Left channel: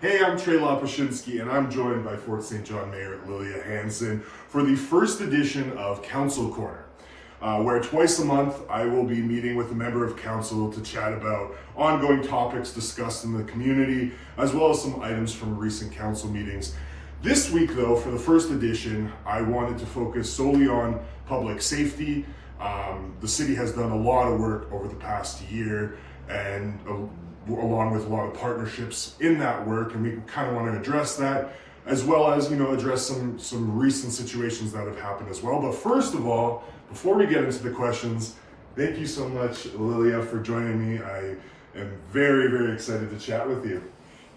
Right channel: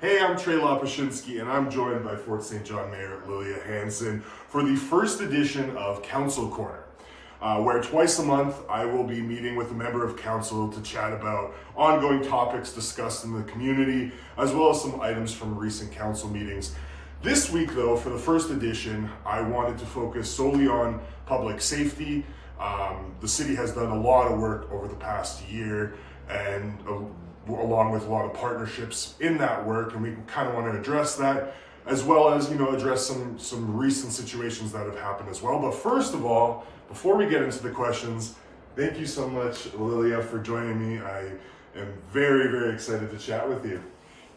Hey, I'm Tre Lopushinsky, and I'm joined by Fort St. John Mayor Lilia Hansen for the first edition of Council Corner, where twice a month I will be meeting with a member of council to chat about ongoing topics discussed in the community, as well as some items from recent council meetings. This week, though, for the first edition, I wanted to focus solely on public safety. The city has done a lot of work over the past year, and along with a lot of partnerships in that work, and we kind of want to address that, as well as address some recent situations that have happened as well. But first of all, before we get into the questions, thank you so much, Lilia, for joining me. I am very, very excited to chat with you.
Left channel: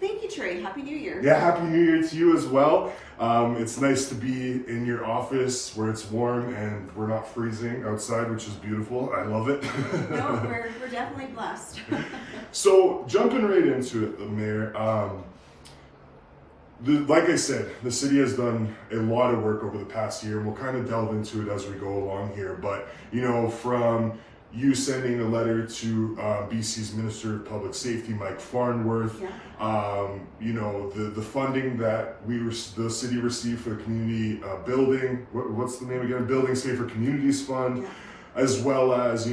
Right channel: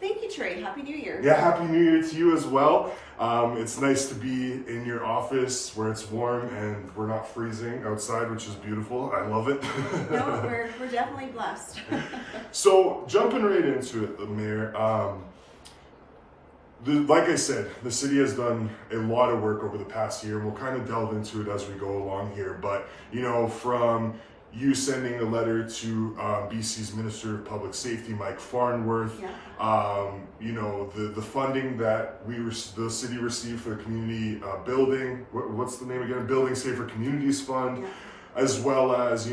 Thank you, Tre. Happy New Year. Yeah, Happy New Year to you as well. It's nice to be in your office where it's warm and we're not freezing outside, which is beautiful. I love it. No, we're definitely blessed. So, jumping right into it, Mayor, like I said, the city has done a lot of work over the past year, and we'll kind of delve into it as we go along here. But, from you sending a letter to BC's Minister of Public Safety, Mike Farnworth, Yeah. The funding that the city received for the community building, what's the name again? Building Safer Communities Fund. Yeah. As well as,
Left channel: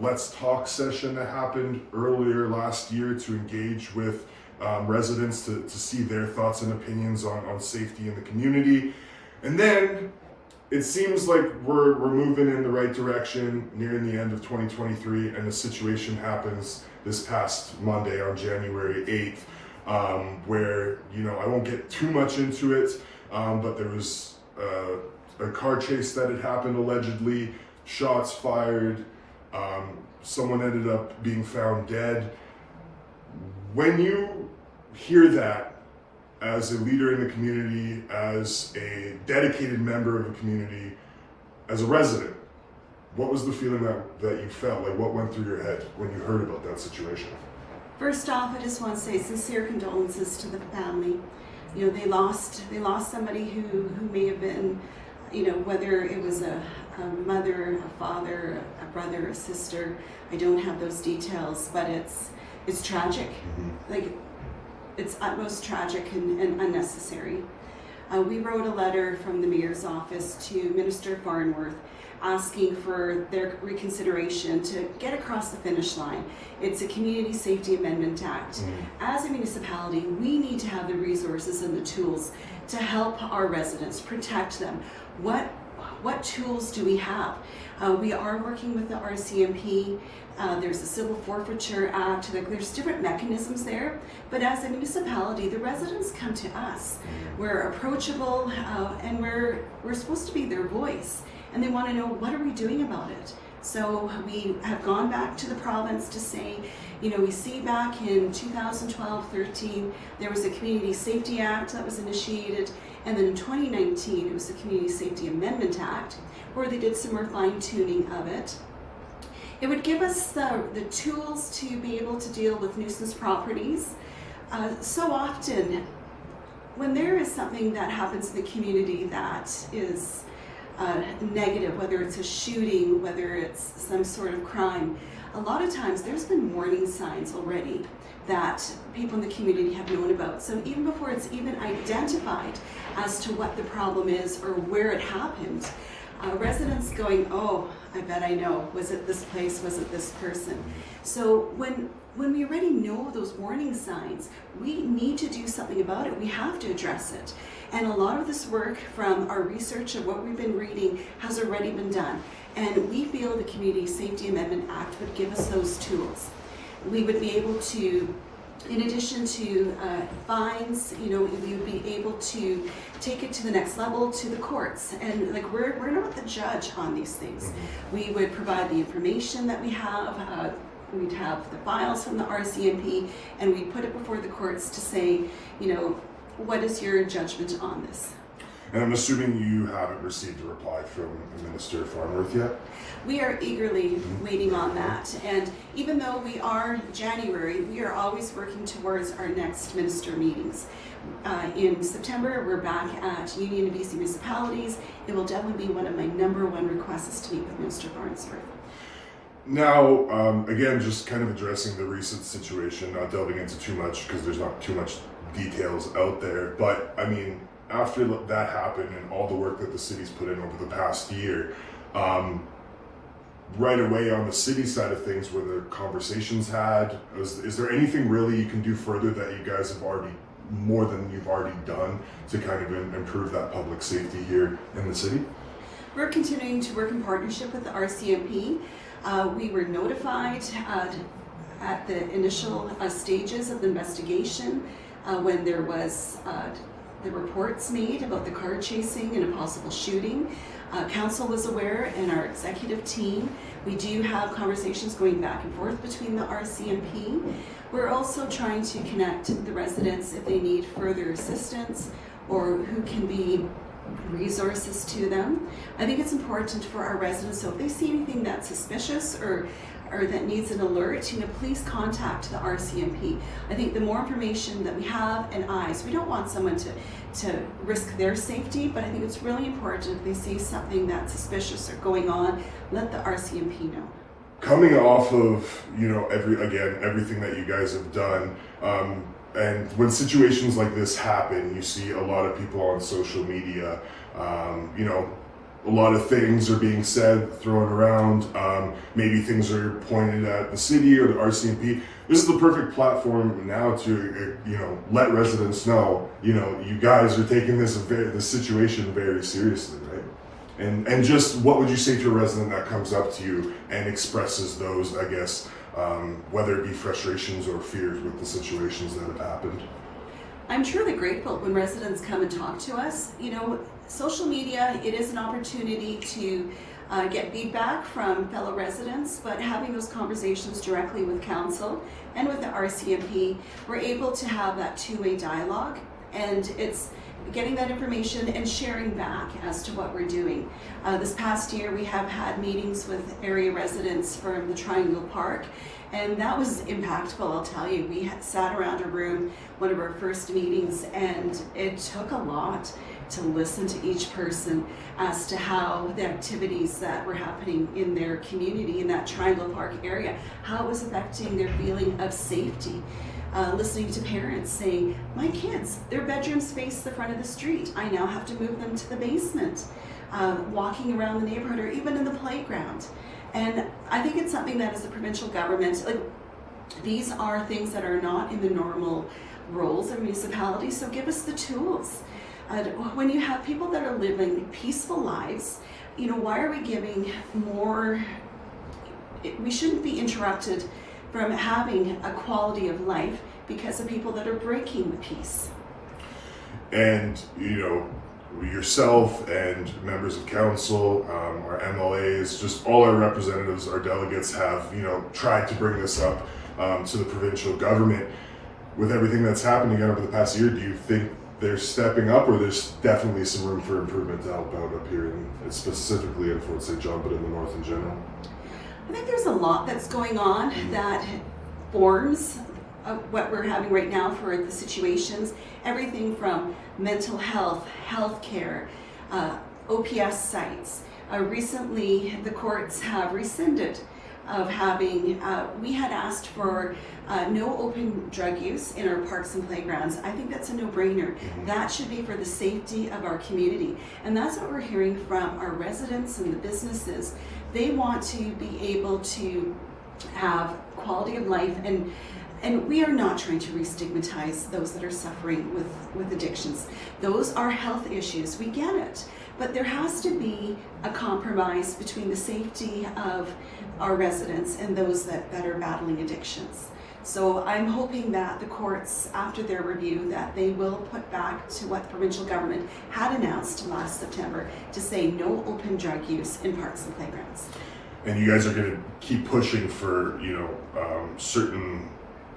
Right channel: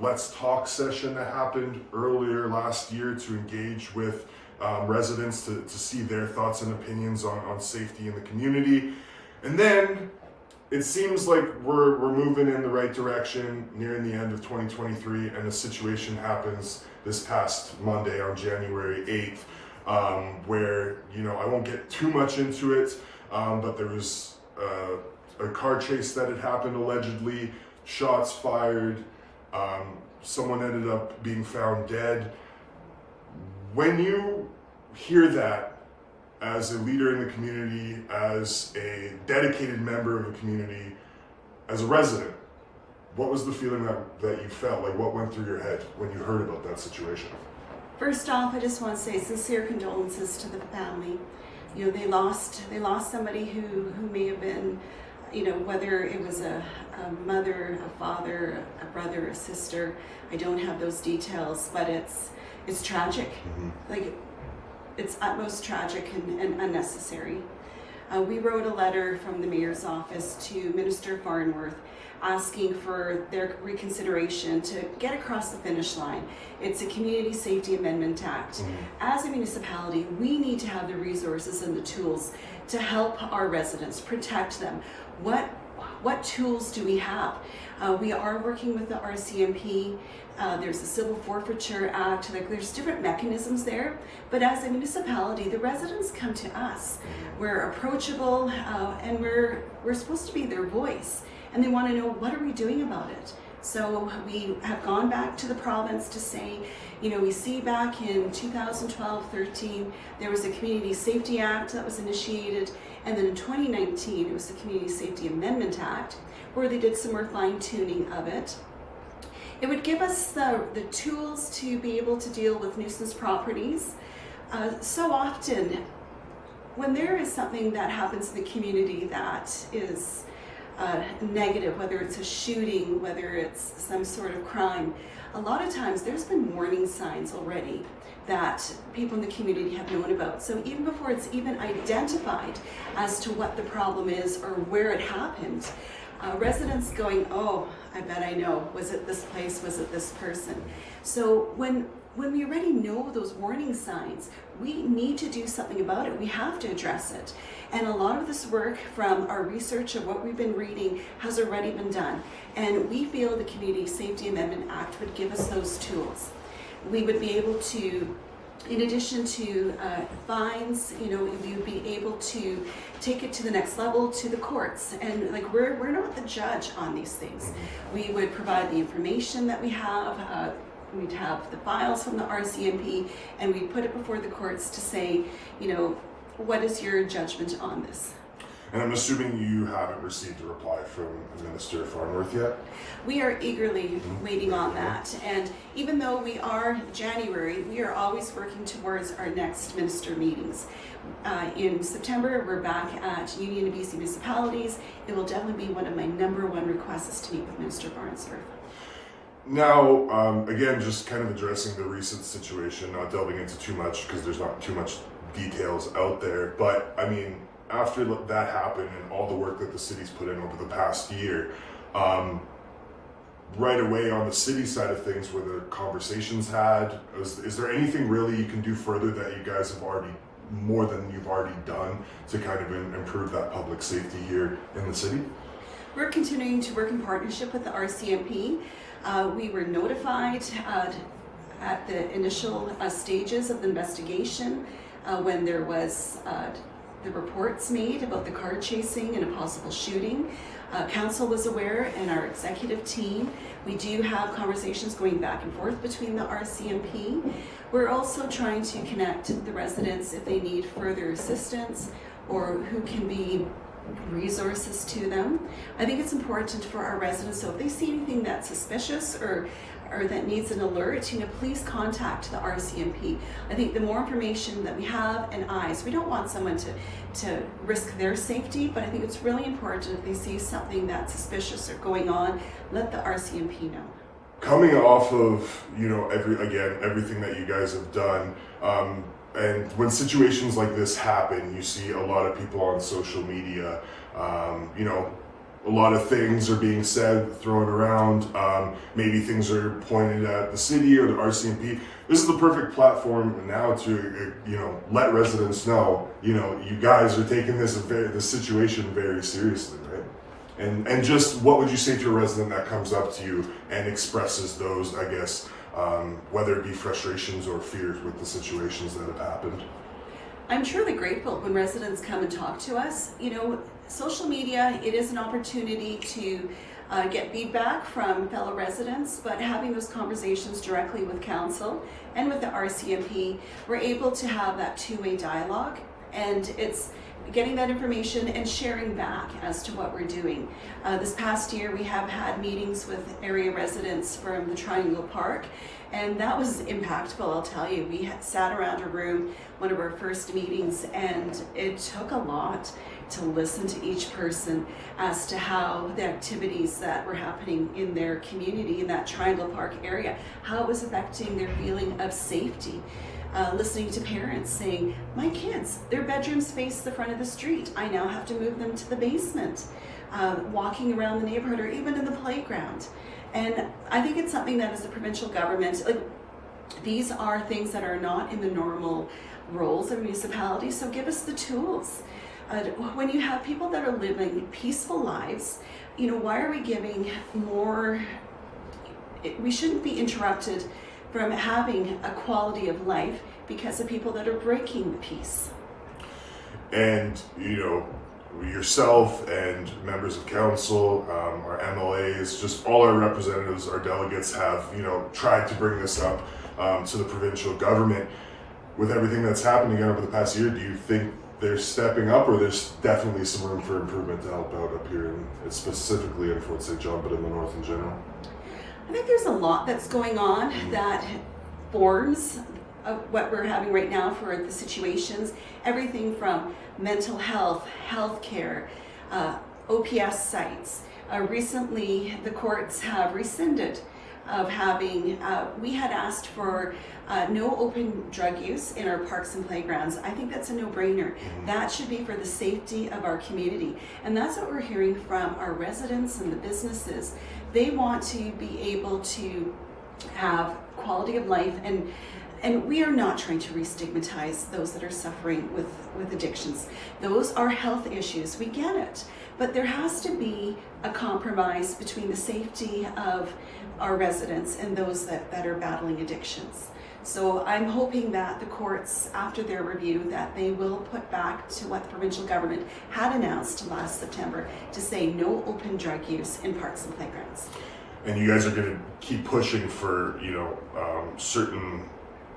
Let's Talk session that happened earlier last year to engage with residents to see their thoughts and opinions on safety in the community. And then it seems like we're moving in the right direction nearing the end of 2023, and a situation happens this past Monday on January 8th, where, I won't get too much into it, but there was a car chase that had happened allegedly, shots fired, someone ended up being found dead. When you hear that, as a leader in the community, as a dedicated member of the community, as a resident, what was the feeling that you felt? Like, what went through your head when you heard about that situation? First off, I just want to say sincere condolences to the family. They lost somebody who may have been, whether it was a mother, a father, a brother, a sister. I don't have those details, but it's tragic. Mm-hmm. It's utmost tragic and unnecessary. We wrote a letter from the mayor's office to Minister Farnworth asking for their reconsideration to get across the finish line. It's a Community Safety Amendment Act. Mm-hmm. As a municipality, we need to have the resources and the tools to help our residents, protect them. What tools do we have? We are working with the RCMP. There's a Civil Forfeiture Act. There's different mechanisms there. But as a municipality, the residents come to us. We're approachable, and we're supposed to be their voice. And they want to know, what are we doing about it? So we have gone back to the province to say, we see back in 2012-13, there was a Community Safety Act that was initiated. And then in 2019, it was the Community Safety Amendment Act, where they did some more fine-tuning of it. It would give us the tools to be able to deal with nuisance properties. So often, when there is something that happens in the community that is negative, whether it's a shooting, whether it's some sort of crime, a lot of times there's been warning signs already that people in the community have known about. So even before it's even identified as to what the problem is or where it happened, residents going, oh, I bet I know. Was it this place? Was it this person? So when we already know those warning signs, we need to do something about it. We have to address it. And a lot of this work from our research of what we've been reading has already been done. And we feel the Community Safety Amendment Act would give us those tools. We would be able to, in addition to fines, we would be able to take it to the next level, to the courts. And we're not the judge on these things. Mm-hmm. We would provide the information that we have. We'd have the files from the RCMP, and we put it before the courts to say, what is your judgment on this? And I'm assuming you haven't received a reply from Minister Farnworth yet? We are eagerly waiting on that. And even though we are January, we are always working towards our next minister meetings. In September, we're back at Union of BC Municipalities. It will definitely be one of my number one requests to meet with Minister Farnworth. Now, again, just kind of addressing the recent situation, not delving into too much because there's not too much details out there. But I mean, after that happened and all the work that the city's put in over the past year, right away on the city side of things, were there conversations had? Is there anything really you can do further that you guys have already, more than you've already done, to kind of improve that public safety here in the city? We're continuing to work in partnership with the RCMP. We were notified at the initial stages of the investigation when there was the reports made about the car chasing and a possible shooting. Council was aware, and our executive team. We do have conversations going back and forth between the RCMP. We're also trying to connect the residents if they need further assistance or who can be resources to them. I think it's important for our residents, so if they see anything that's suspicious or that needs an alert, please contact the RCMP. I think the more information that we have and eyes, we don't want someone to risk their safety, but I think it's really important if they see something that's suspicious or going on, let the RCMP know. Coming off of, everything that you guys have done, and when situations like this happen, you see a lot of people on social media, a lot of things are being said, thrown around. Maybe things are pointed at the city or the RCMP. This is the perfect platform now to, let residents know, you guys are taking this situation very seriously, right? And just what would you say to a resident that comes up to you and expresses those, I guess, whether it be frustrations or fears with the situations that have happened? I'm truly grateful when residents come and talk to us. Social media, it is an opportunity to get feedback from fellow residents, but having those conversations directly with council and with the RCMP, we're able to have that two-way dialogue, and it's getting that information and sharing back as to what we're doing. This past year, we have had meetings with area residents from the Triangle Park, and that was impactful, I'll tell you. We sat around a room, one of our first meetings, and it took a lot to listen to each person as to how the activities that were happening in their community, in that Triangle Park area, how it was affecting their feeling of safety. Listening to parents saying, my kids, their bedrooms face the front of the street. I now have to move them to the basement. Walking around the neighborhood or even in the playground. And I think it's something that as a provincial government, these are things that are not in the normal roles of municipalities, so give us the tools. When you have people that are living peaceful lives, why are we giving more? We shouldn't be interrupted from having a quality of life because of people that are breaking the peace. And, yourself and members of council, our MLAs, just all our representatives, our delegates have, tried to bring this up to the provincial government. With everything that's happened again over the past year, do you think they're stepping up, or there's definitely some room for improvement to help out up here, specifically in Fort St. John, but in the north in general? I think there's a lot that's going on that forms what we're having right now for the situations. Everything from mental health, healthcare, OPS sites. Recently, the courts have rescinded of having, we had asked for no open drug use in our parks and playgrounds. I think that's a no-brainer. That should be for the safety of our community. And that's what we're hearing from our residents and the businesses. They want to be able to have quality of life, and we are not trying to re-stigmatize those that are suffering with addictions. Those are health issues, we get it. But there has to be a compromise between the safety of our residents and those that are battling addictions. So I'm hoping that the courts, after their review, that they will put back to what the provincial government had announced last September to say no open drug use in parks and playgrounds. And you guys are going to keep pushing for, certain,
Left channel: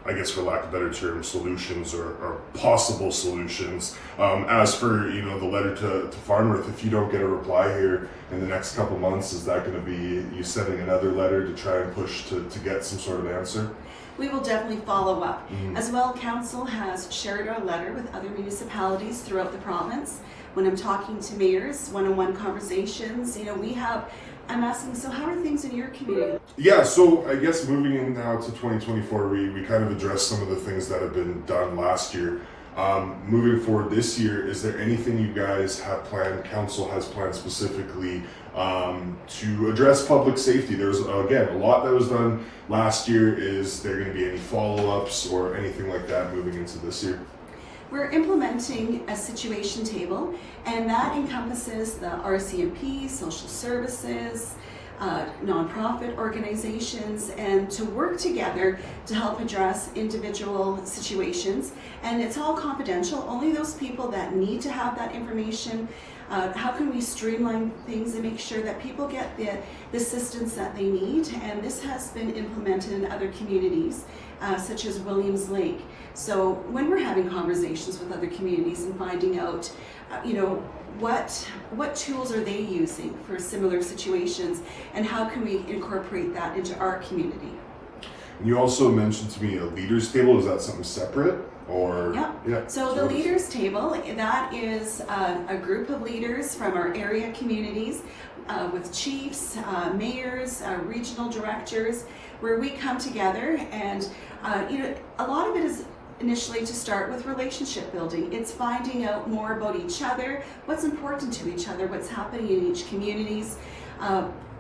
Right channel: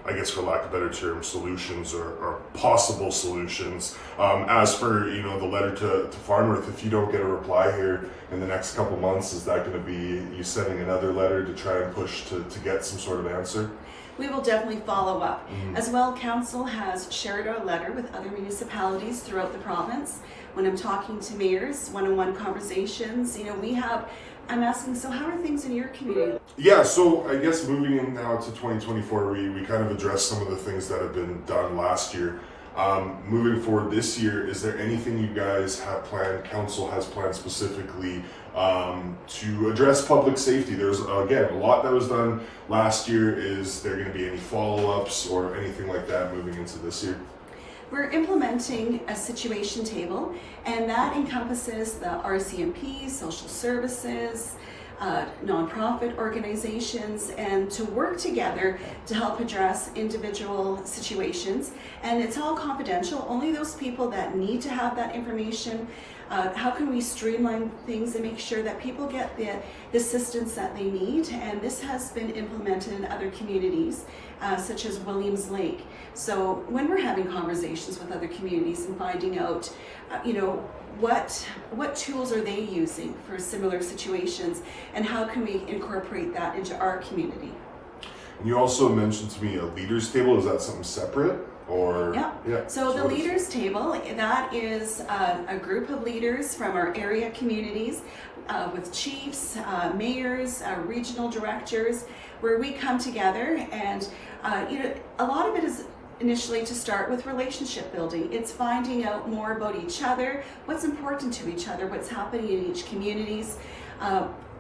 I guess for lack of a better term, solutions or possible solutions. As for, the letter to Farnworth, if you don't get a reply here in the next couple months, is that going to be you sending another letter to try and push to get some sort of answer? We will definitely follow up. As well, Council has shared our letter with other municipalities throughout the province. When I'm talking to mayors, one-on-one conversations, I'm asking, so how are things in your community? Yeah, so I guess moving in now to 2024, we kind of addressed some of the things that have been done last year. Moving forward this year, is there anything you guys have planned, council has planned specifically to address public safety? There's, again, a lot that was done last year. Is there going to be any follow-ups or anything like that moving into this year? We're implementing a situation table, and that encompasses the RCMP, social services, nonprofit organizations, and to work together to help address individual situations. And it's all confidential, only those people that need to have that information. How can we streamline things and make sure that people get the assistance that they need? And this has been implemented in other communities, such as Williams Lake. So when we're having conversations with other communities and finding out, what tools are they using for similar situations, and how can we incorporate that into our community? And you also mentioned to me a leaders table. Is that something separate? Or yeah. So the leaders table, that is a group of leaders from our area communities with chiefs, mayors, regional directors, where we come together, and a lot of it is initially to start with relationship building. It's finding out more about each other, what's important to each other, what's happening in each communities,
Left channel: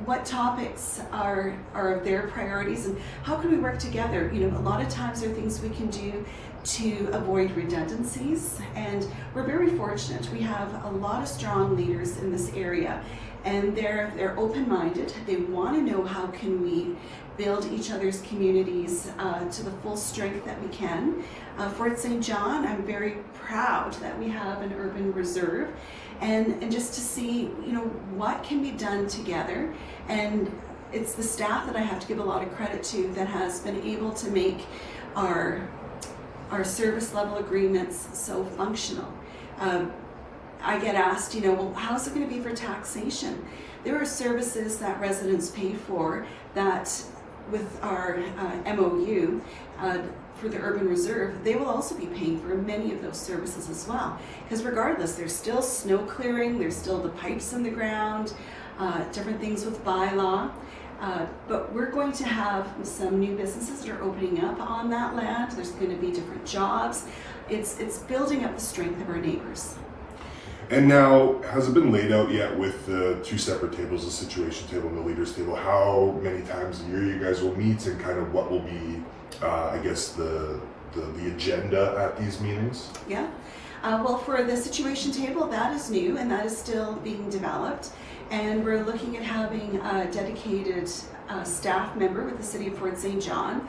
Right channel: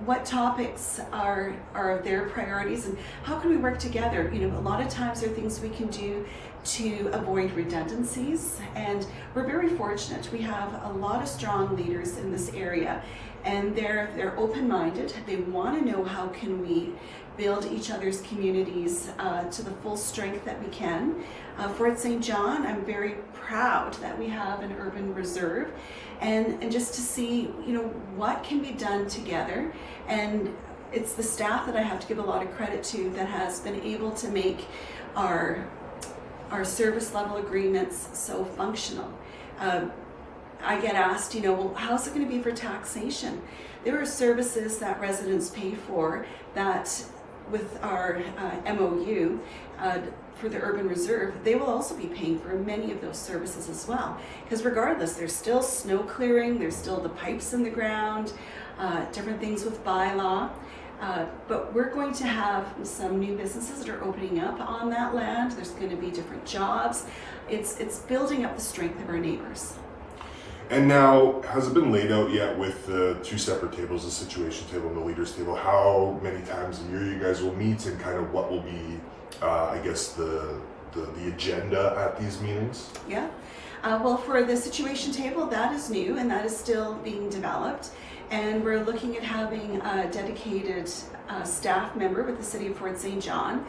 what topics are their priorities, and how can we work together. A lot of times there are things we can do to avoid redundancies, and we're very fortunate. We have a lot of strong leaders in this area, and they're open-minded. They want to know how can we build each other's communities to the full strength that we can. Fort St. John, I'm very proud that we have an urban reserve, and just to see what can be done together. And it's the staff that I have to give a lot of credit to that has been able to make our service level agreements so functional. I get asked, well, how's it going to be for taxation? There are services that residents pay for that with our MOU for the urban reserve, they will also be paying for many of those services as well. Because regardless, there's still snow clearing, there's still the pipes in the ground, different things with bylaw. But we're going to have some new businesses that are opening up on that land. There's going to be different jobs. It's building up the strength of our neighbors. And now, has it been laid out yet with the two separate tables, the situation table and the leaders table, how many times a year you guys will meet, and kind of what will be, I guess, the agenda at these meetings? Yeah. Well, for the situation table, that is new and that is still being developed. And we're looking at having a dedicated staff member with the City of Fort St. John.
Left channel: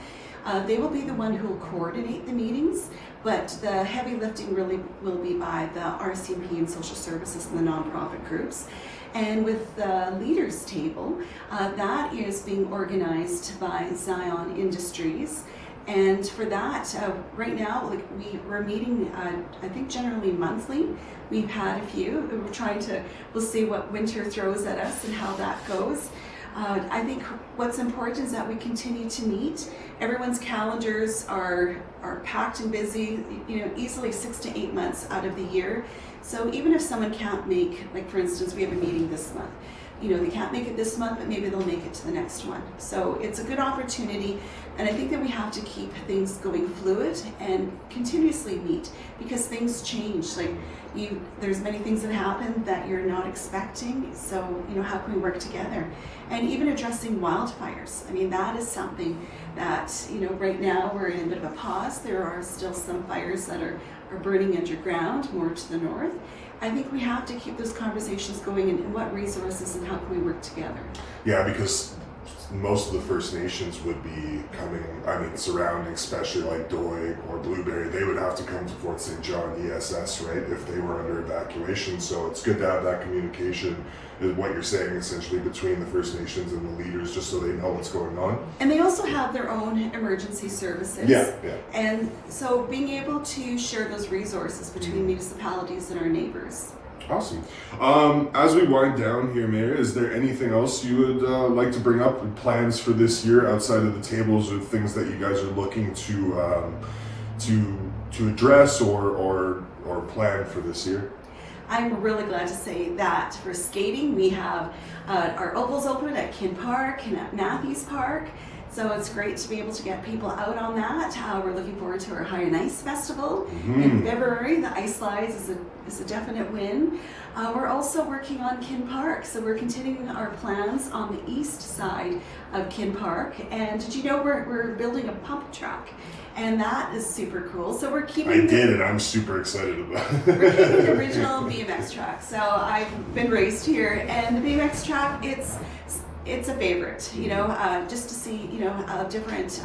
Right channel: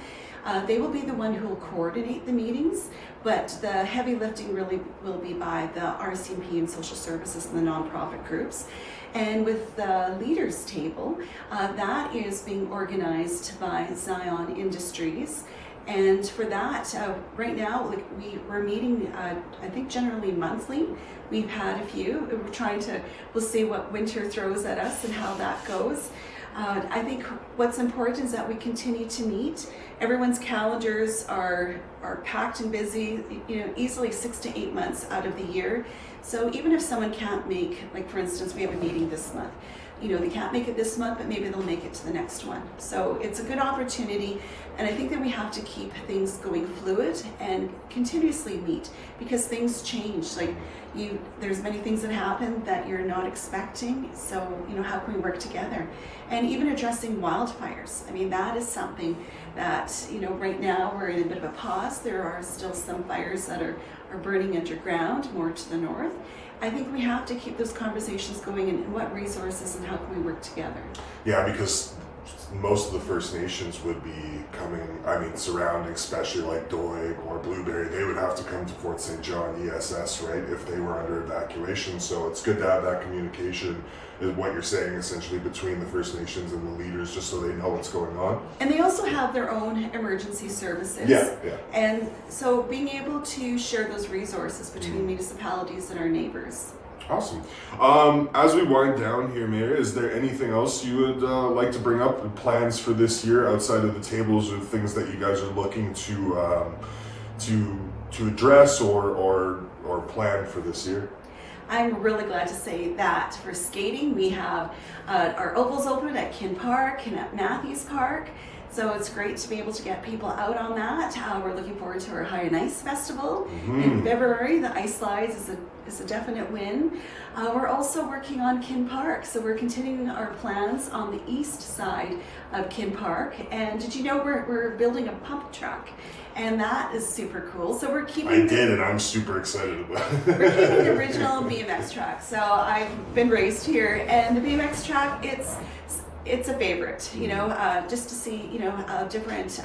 They will be the one who will coordinate the meetings, but the heavy lifting really will be by the RCMP and social services and the nonprofit groups. And with the leaders table, that is being organized by Zion Industries. And for that, right now, we're meeting, I think generally monthly. We've had a few. We'll see what winter throws at us and how that goes. I think what's important is that we continue to meet. Everyone's calendars are packed and busy, easily 6 to 8 months out of the year. So even if someone can't make, like for instance, we have a meeting this month, they can't make it this month, but maybe they'll make it to the next one. So it's a good opportunity, and I think that we have to keep things going fluid and continuously meet, because things change. There's many things that happen that you're not expecting, so how can we work together? And even addressing wildfires. I mean, that is something that, right now we're in a bit of a pause. There are still some fires that are burning underground, more to the north. I think we have to keep those conversations going, and what resources and how can we work together? Yeah, because most of the First Nations would be surrounding, especially like Doig or Blueberry, they would have to come to Fort St. John ESS, right, if they were under evacuation. So it's good to have that communication, is what you're saying, essentially, between the First Nations and the leaders, just so they know what's going on. And they also have their own emergency services. Yeah. And so being able to share those resources between municipalities and our neighbors. Awesome. As we wind down here, Mayor, is there anything else you would like to bring up, plans for this year outside of the tables, or things that you guys are looking to address or plan for this year? I'm really glad to say that for skating, we have our ovals open at Kin Park and at Matthews Park. So it's great to be able to get people out on that. We're looking forward to our High and Ice Festival in February. The ice slides is a definite win. We're also working on Kin Park, so we're continuing our plans on the east side of Kin Park. And did you know we're building a pump track? And that is super cool. So we're keeping and I'm super excited about it. We're keeping the original BMX track. So I've been raised here, and the BMX track, it's a favorite, just to see, different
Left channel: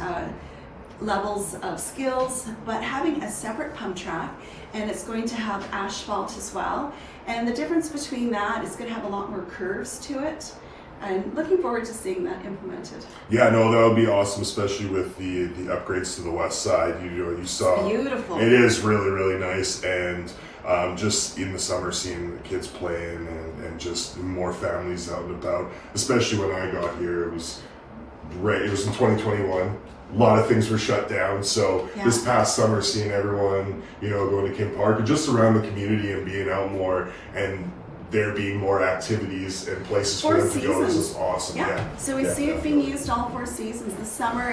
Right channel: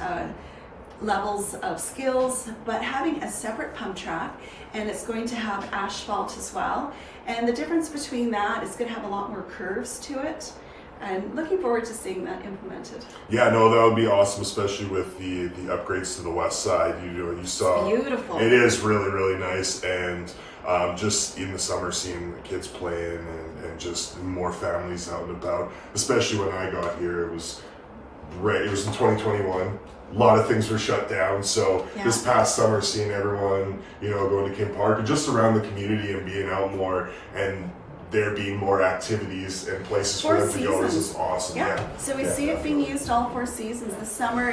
levels of skills, but having a separate pump track, and it's going to have asphalt as well. And the difference between that is going to have a lot more curves to it. And looking forward to seeing that implemented. Yeah, no, that would be awesome, especially with the upgrades to the west side. You saw, it's beautiful. It is really, really nice, and just in the summer, seeing the kids playing and just more families out and about. Especially when I got here, it was great. It was in 2021. A lot of things were shut down, so this past summer, seeing everyone, going to Kin Park and just around the community and being out more and there being more activities and places for them to go is just awesome. Yeah. So we see it being used all 4 seasons. This summer,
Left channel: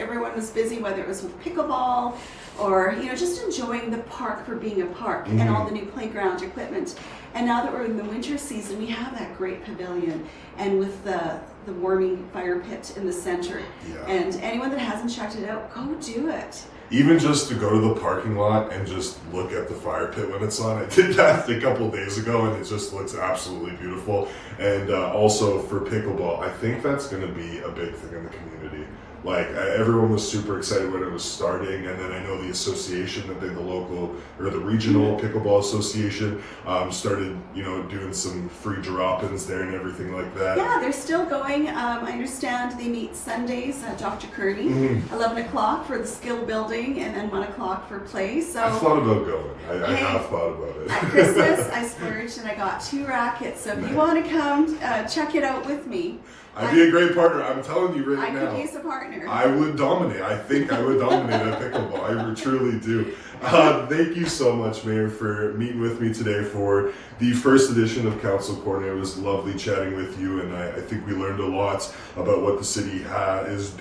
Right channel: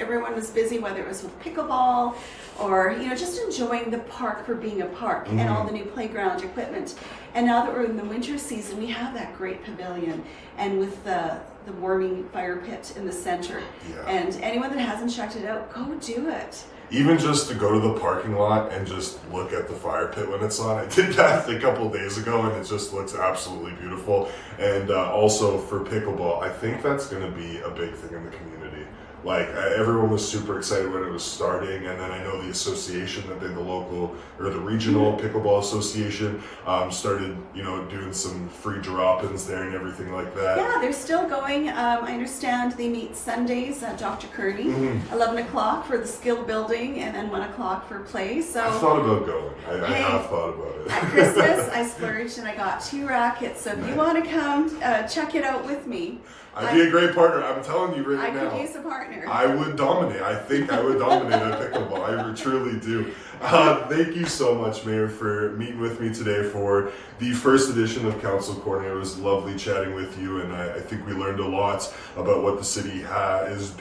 everyone was busy, whether it was with pickleball or just enjoying the park for being a park and all the new playground equipment. And now that we're in the winter season, we have that great pavilion and with the warming fire pit in the center. Yeah. And anyone that hasn't checked it out, go do it. Even just to go to the parking lot and just look at the fire pit when it's on. I did that a couple days ago, and it just looks absolutely beautiful. And also for pickleball, I think that's going to be a big thing in the community. Like, everyone was super excited when it was starting, and then I know the association that did the local or the regional pickleball association started, doing some free drop-ins there and everything like that. Yeah, they're still going. I understand they meet Sundays at Dr. Kearney, 11 o'clock for the skill building, and then 1 o'clock for play. So I thought about going. I have thought about it. At Christmas, I splurged and I got 2 rackets. So if you want to come, check it out with me. I'd be a great partner. I'm telling you right now. I could use a partner. I would dominate. I think I would dominate at pickleball. I truly do. Thank you so much, Mayor, for meeting with me today for the first edition of Council Corner. It was lovely chatting with you, and I think we learned a lot about what the city is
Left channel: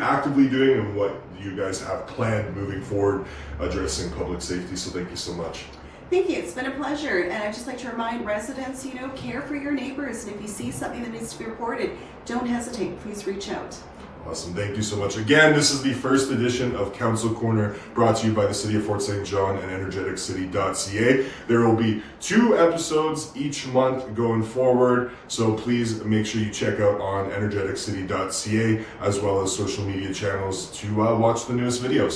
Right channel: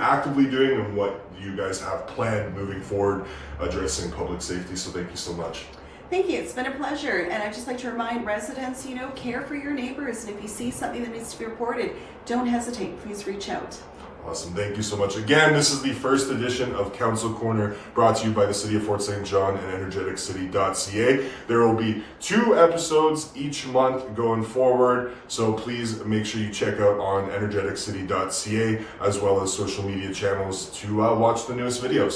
actively doing and what you guys have planned moving forward addressing public safety. So thank you so much. Thank you. It's been a pleasure. And I'd just like to remind residents, care for your neighbors. And if you see something that needs to be reported, don't hesitate. Please reach out. Awesome. Thank you so much. Again, this is the first edition of Council Corner, brought to you by the City of Fort St. John and Energeticcity.ca. There will be 2 episodes each month going forward, so please make sure you check out on Energeticcity.ca as well as social media channels to watch the newest videos.